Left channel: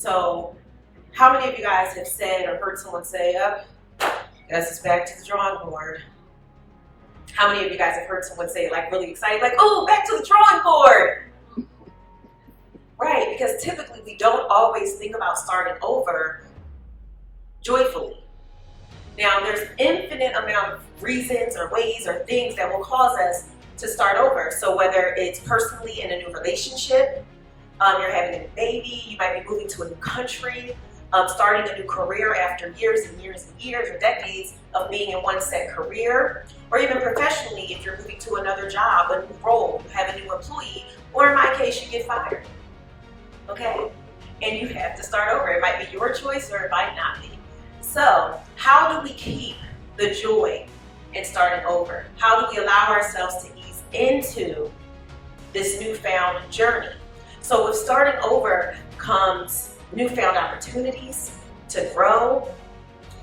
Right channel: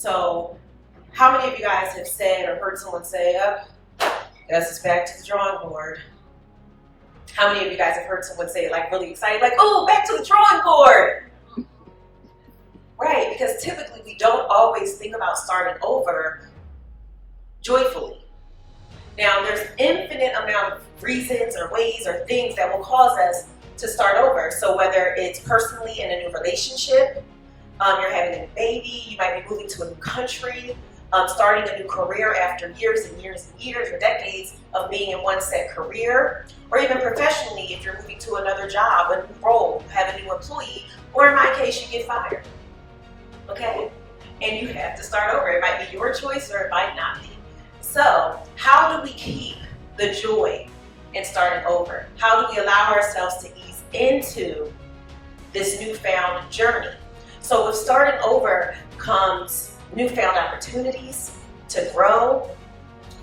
So how many of you guys have said or heard someone say, oh, guess it's back to the drawing board? How many of you guys have heard someone say it like really excited, like, oh, back to the drawing board? Right, because typically we don't always think about starting over joyfully. Now, there's infinite amount of reasons or ways or things that will cause us to start over. So whether it's personally in a new relationship, you're having a baby, you might be moving to a new country, starting a new career after years and years and years or decades of being in one set career, or even professionally, if you're moving to another job, a new role, you have a new employee, or in my case, you get fired. Okay? And you have to start over. It might be your choice or it might not be. So, how do we keep the joy in starting over? How do we allow ourselves to ease into this newfound journey? So with starting over comes newfound opportunities to grow,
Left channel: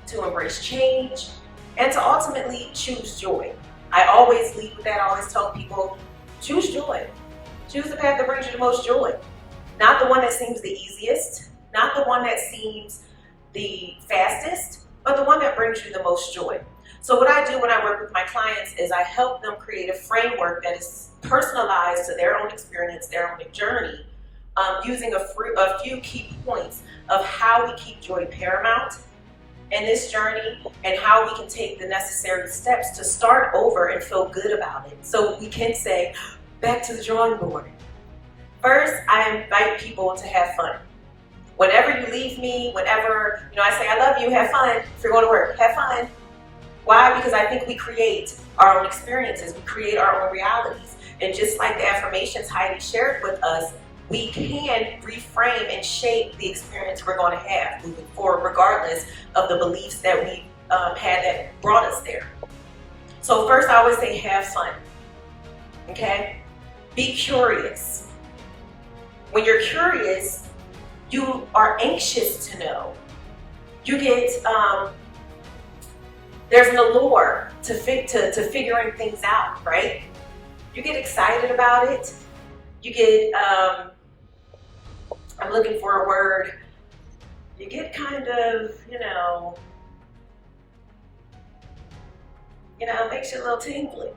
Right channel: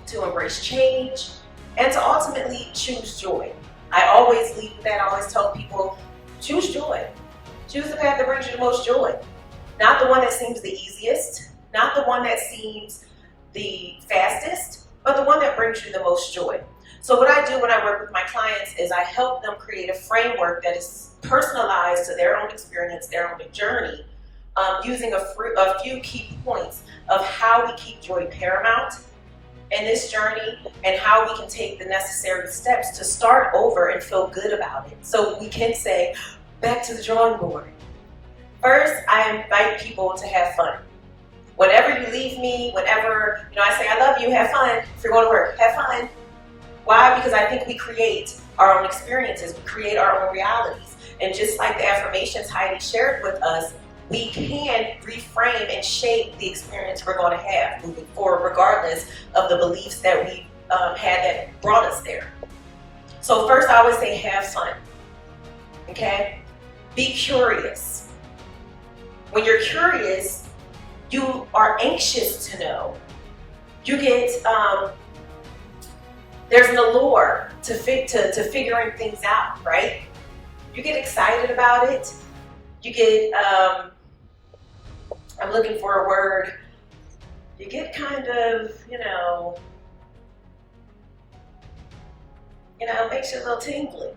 to embrace change, and to ultimately choose joy. I always lead with that. I always tell people, choose joy. Choose the path that brings you the most joy. Not the one that seems the easiest, not the one that seems the fastest, but the one that brings you the most joy. So what I do when I work with my clients is I help them create a framework that is personalized to their own experience, their own journey, using a few key points of how we keep joy paramount in this journey and how we can take the necessary steps to start over and feel good about it. So we can say, back to the drawing board. First, I invite people to have fun. Whenever you leave me, whenever, I say, I love you, have fun. If you're going to work, have fun. Why? Because I think we create our own experiences. We create our own realities. And just like the affirmations Heidi shared with us, we can reframe and shape the experience we're going to have moving forward, regardless of the beliefs that we had that brought us there. So first, I always say, have fun. Okay? Be curious. When you're curious, you are anxious to know. You get, there's an allure to figuring things out, right? You get excited about it. You get, I'm looking for a word. You get kind of, it makes you a little tingly.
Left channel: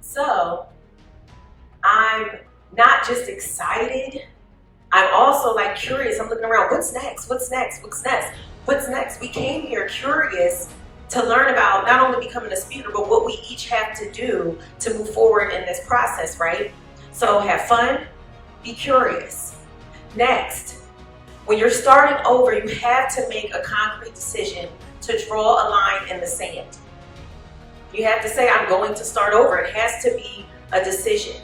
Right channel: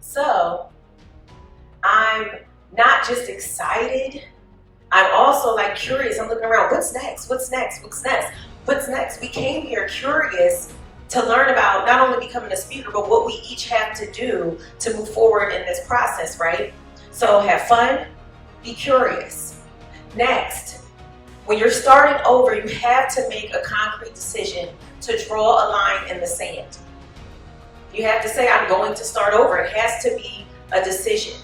So, I'm not just excited, I'm also curious. I'm looking around, what's next? What's next? What's next? What's next? We came here curious to learn about not only becoming a speaker, but what we each have to do to move forward in this process, right? So have fun, be curious. Next, when you're starting over, you have to make a concrete decision to draw a line in the sand. You have to say, I'm going to start over. It has to be a decision.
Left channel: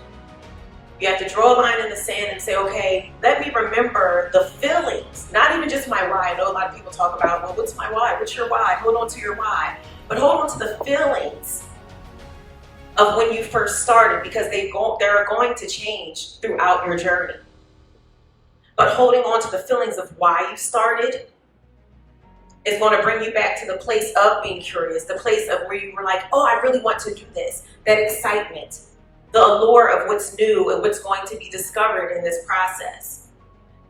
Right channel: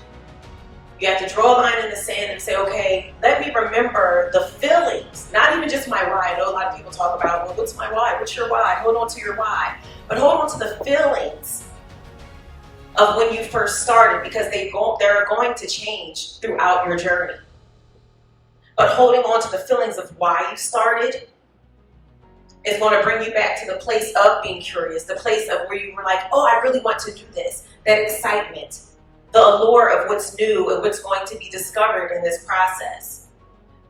You have to draw a line in the sand and say, okay, let me remember the feelings, not even just my why. I know a lot of people talk about, well, what's my why? What's your why? Hold on to your why. But hold on to the feelings of when you first started, because they're going to change throughout your journey. But holding on to the feelings of why you started is going to bring you back to the place of being curious, the place of where you were like, oh, I really want to do this, that excitement, the allure of what's new and what's going to be discovered in this process.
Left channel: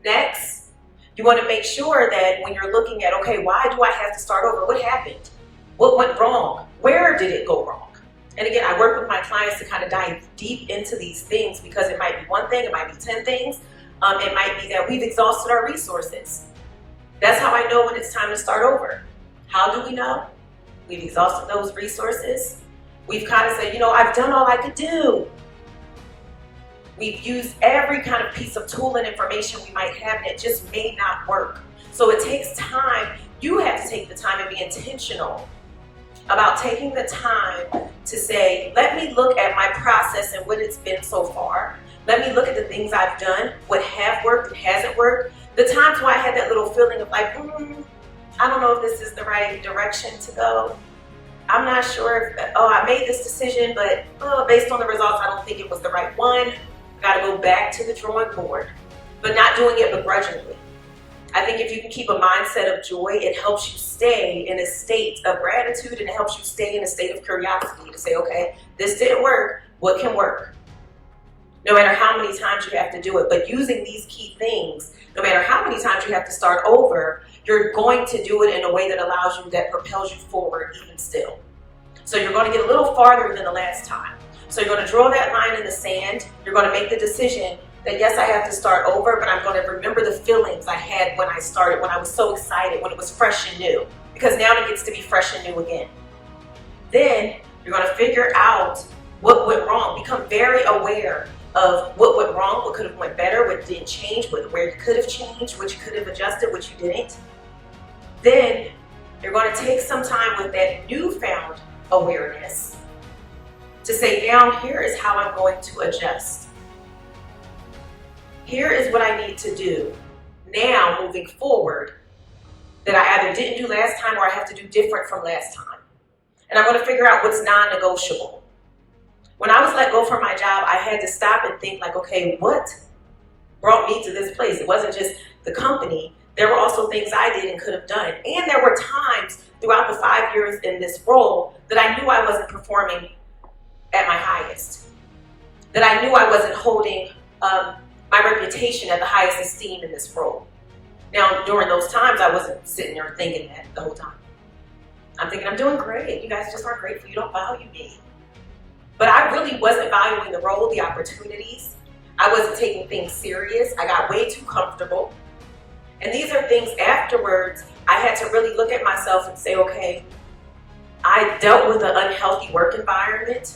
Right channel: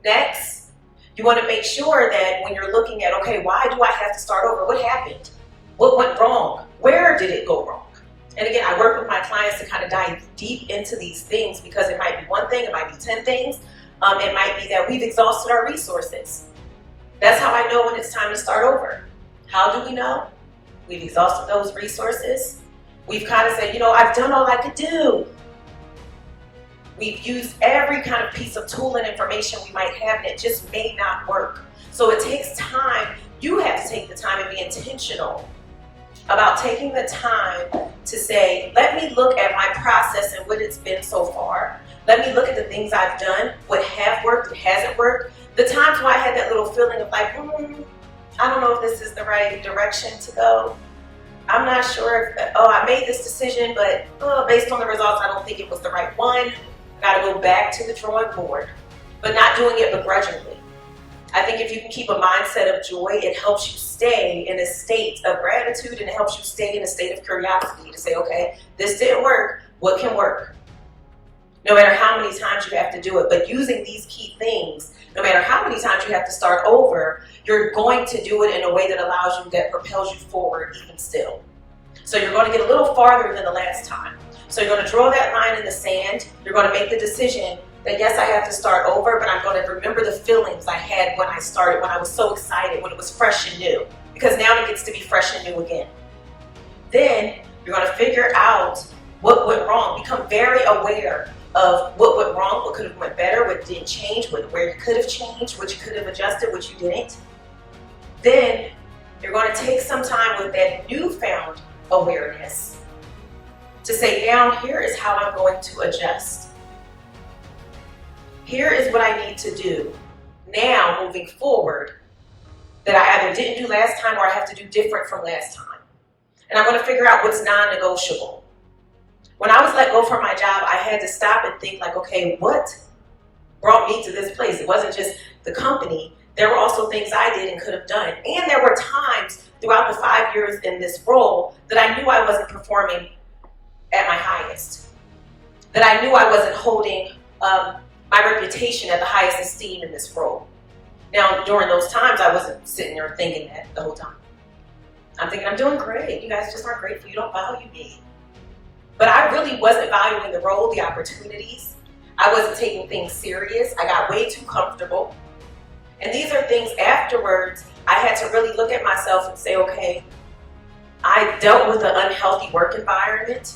Next, you want to make sure that when you're looking at, okay, why do I have to start over? What happened? What went wrong? Where did it go wrong? And again, I work with my clients to kind of dive deep into these things, because it might be one thing, it might be 10 things. It might be that we've exhausted our resources. That's how I know when it's time to start over. How do we know? We've exhausted those resources. We've kind of said, I've done all I could do. We've used every kind of piece of tool and information we might have, and it just may not work. So it takes time. You have to take the time and be intentional about taking the time to say, let me look at my process and what it's been so far. Let me look at the things I've done, what have worked, what hasn't worked. The times where I had that little feeling of I don't know if this is the right direction to go. I'm not sure if, I made this decision, but based on the results, I don't think it was the right one. Got to go back to the drawing board, but not doing it begrudgingly. I think if you can keep a mindset of joy, it helps you stay in a state of gratitude, and it helps you stay in a state of curiosity to say, okay, this didn't work. What can work? no matter how many times you have to do it. But using these key things, no matter how many times you have to start over, you're going to do it in a way that allows you, that propels you forward even still. So you're going to get a little farther than the last time. So you're going to draw that line in the sand. You're going to make the decision that yes, I have to start over, but I'm going to remember the feelings I had when I started, when I was so excited, when it was fresh and new, because now it gets to be fresh and new again. Then you're going to figure out what went wrong. Become very aware of what went wrong, what could have went better, what didn't change, where you could have changed, what you could have adjusted, what you didn't. Then you're going to take some time with that newfound awareness to say, now here is how I'm going to adjust. Here is what I need to do now moving forward that I either didn't do last time or I have to do different from last time. And I'm going to figure out what's non-negotiable. When I was let go from my job, I had to stop and think like, okay, what brought me to this place? It wasn't just the company. There were also things I did and could have done. And there were times throughout the 5 years in this role that I knew I wasn't performing at my highest. That I knew I wasn't holding my reputation at the highest esteem in this role. Now, during those times, I wasn't sitting there thinking that the whole time. I'm thinking, I'm doing great. You guys just aren't grateful. You don't value me. But I really wasn't valuing the role, the opportunities. I wasn't taking things serious. I got way too comfortable. And these are things afterwards, I had to really look at myself and say, okay, I dealt with an unhealthy work environment,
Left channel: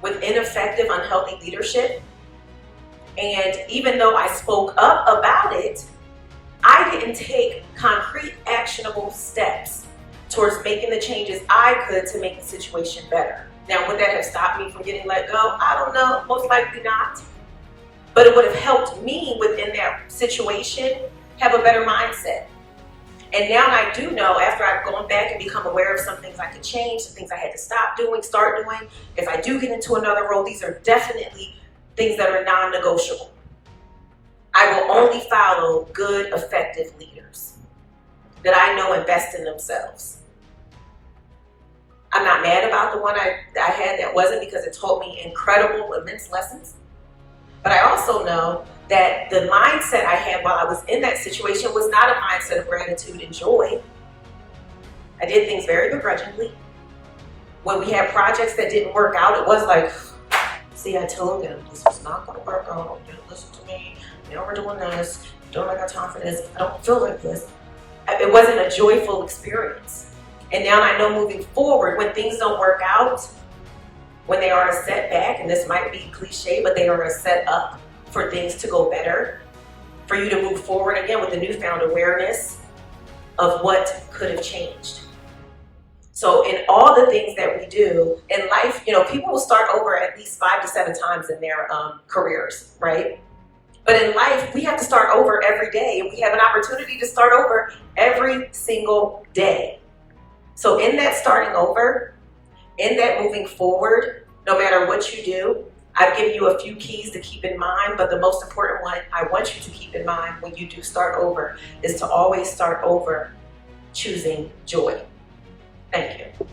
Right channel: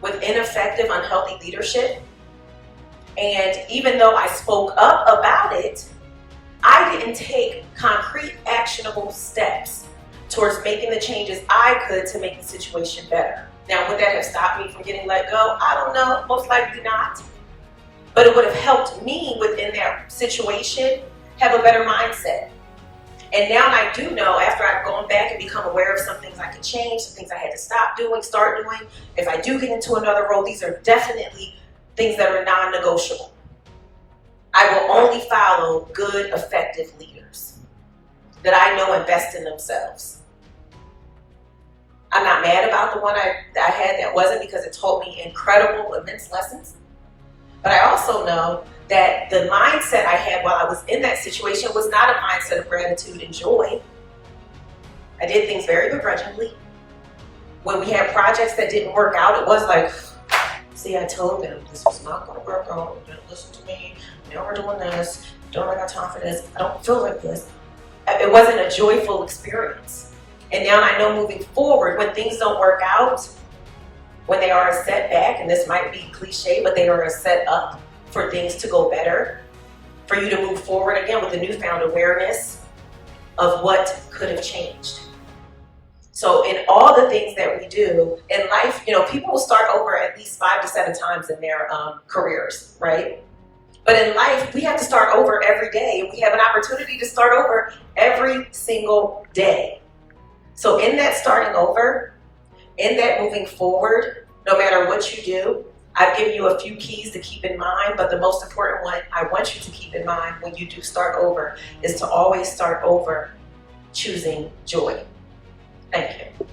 with ineffective, unhealthy leadership. And even though I spoke up about it, I didn't take concrete, actionable steps towards making the changes I could to make the situation better. Now, would that have stopped me from getting let go? I don't know, most likely not. But it would have helped me within that situation have a better mindset. And now I do know, after I've gone back and become aware of some things I could change, some things I had to stop doing, start doing. If I do get into another role, these are definitely things that are non-negotiable. I will only follow good, effective leaders that I know invest in themselves. I'm not mad about the one I had that wasn't, because it taught me incredible, immense lessons. But I also know that the mindset I had while I was in that situation was not a mindset of gratitude and joy. I did things very begrudgingly. When we had projects that didn't work out, it was like, see, I told them this was not going to work out. You didn't listen to me. Now we're doing this. Don't I got time for this? I don't feel like this. It wasn't a joyful experience. And now I know moving forward, when things don't work out, when they are a setback, and this might be cliche, but they are a setup for things to go better, for you to move forward again with a newfound awareness of what could have changed. So in all the things that we do in life, people will start over at least 5 to 7 times in their careers, right? But in life, we have to start over every day, and we have an opportunity to start over every single day. So in that starting over, in that moving forward, no matter what you do, I've given you a few keys to keep in mind, but the most important one I want you to keep in mind when you do start over is to always start over choosing joy. Thank you.